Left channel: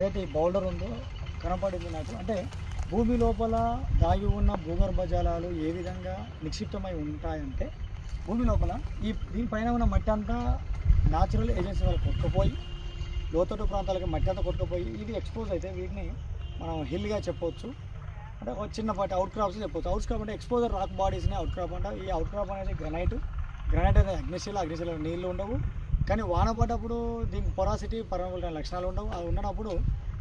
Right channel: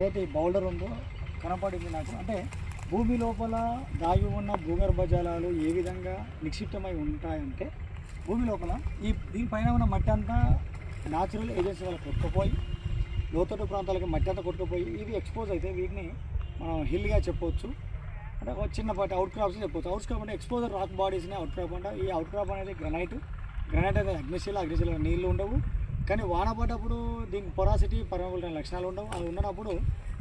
ఏదైతే ఈ బౌల్డర్ ఉందో కనపడింది నాకు. అంటే భూమి లోపల దాగి ఉన్న భూగర్భ జలాలు ఏ విధంగా నిక్షిప్తమై ఉంటాయంటే, భూమి లోపల దీనిపైన ఉన్న మట్టి అంతా న్యాచురల్ ఏజెన్సీ వల్ల కొట్టుకుపోయి లోతట్టు ప్రాంతాలకు మట్టి అంతా కొట్టుకుపోయి ఇది ఎక్స్పోజ్ అయితే వీటిని మనం హిల్గా చెప్పవచ్చు. అంటే ఒక చిన్నపాటి అవుట్ క్రాప్స్ చెప్పవచ్చు. అవుట్ క్రాప్ అంటే ఎక్స్పోజర్ రాక్ బాడీస్ని అవుట్ క్రాప్ అంటే, ఈ అవుట్ క్రాప్ అనేది గ్రనైట్ అనేది అగ్నిశిల నీళ్ళు ఉండవు. కానీ వాన పడ్డప్పుడు దీనికి పొరాసిటీ పర్మబిలిటీ లక్షణాలు ఉండవు. అది ఉన్నప్పుడు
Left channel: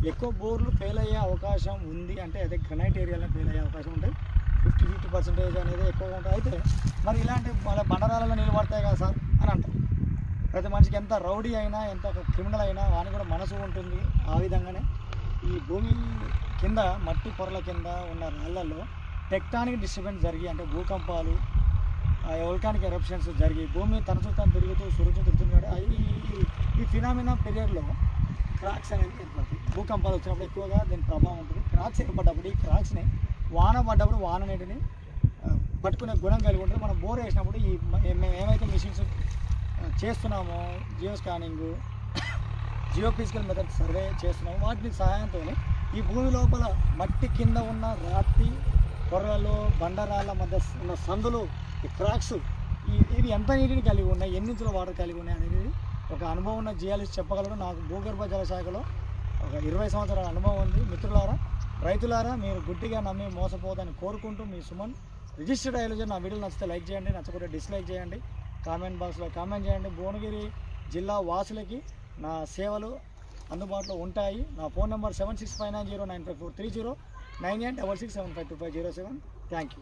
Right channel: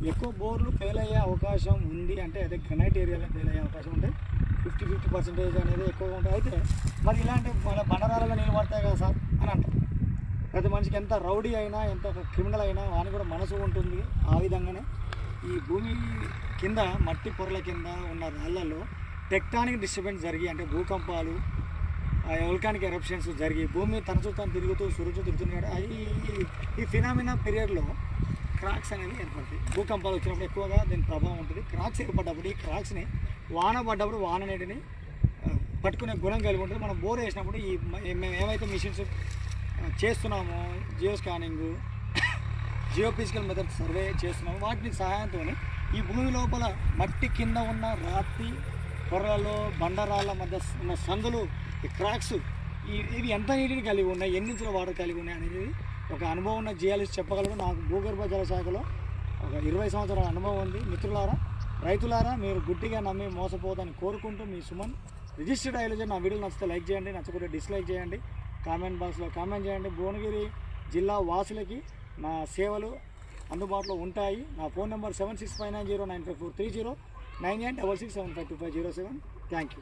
ఎక్కువ బోర్లు ఫెయిల్ అయ్యే అవకాశం ఉంది. అంటే అదే గ్రనైట్ ఏరియాలో ఫెయిల్ అయ్యే అవకాశం ఉంటుంది. 50% అనేది ఎక్కువగా ఉంటుంది. అయితే మరి ఇలాంటి మన బండరాలలో నీళ్ళు పడతాయి కదా సార్ అని అంటారు. ప్రతి మనిషికి ఎంత రౌడీ అయినా, ఎంత ఒక క్రిమినల్ అయినా వాని కూడా మనసు ఉంటుంది. ఆ విధంగానే ఈ భూమి కింద మట్టి పొరల కింద ఉన్న రాళ్లలో టెక్టానిక్ డిస్టర్బెన్స్ జరిగి, అంటే భూకంపాలు, వోల్కానిక్ ఎరప్షన్స్ జరిగి భూమి తన చుట్టూ తిరుగుతూ తిరుగుతుంది. ఈ ఫినామినా పీరియడ్లో క్రాక్స్ అనేవి ఏర్పడతాయి. భూకంపాలు వచ్చినప్పుడు ఎక్కువగా దీని ప్రభావం ఉంటుంది. క్రాక్స్ ఏర్పడ్డప్పుడు ఈ క్రాక్స్ని వాన పడ్డప్పుడు వాన నీటిని పట్టుకునే గుణం కలిగి ఉంటుంది. మనం బోర్ వేసినప్పుడు మేము ఏమైతే మిషన్స్ చేస్తున్నామో, geo scanning, geophysical method survey చేస్తున్నామో వాటి సహాయంతో ఈ భూమి లోపల మట్టి కింద ఉన్న రాతి పొరలలో బండరాళ్ళ మధ్య ఉన్న సందులు, ఈ క్రాక్స్ ఇవి ఎంత నీటిని కలిగి ఉన్నాయి, ఎన్ని ఇంచుల వాటర్ కలిగి ఉన్నాయి అనేది ఒక అనుభవం ఉన్న జియాలజిస్ట్ చెప్పగలరు. నాకు భూగర్భ జల శాఖలో ఒక 20 సంవత్సరాల అనుభవం ఉంది. మిత్రులారా, రైతులారా, మీరు గుడ్డిగా నమ్మి మోసపోదని కోరుకుంటూ మీ సుమన్ రిజిస్టర్డ్ ఐలజర్. నా వీడియోలు నచ్చితే లైక్ చేయండి, నచ్చకపోతే డిస్లైక్ చేయండి, కామెంట్ బాక్స్లో కామెంట్ చేయండి. భువనగిరి జిల్లా వాసులకి నా సేవలు అందుబాటులో ఉంటాయి. నా ఫోన్ నెంబర్ 7659095430 9866752507. Thank you.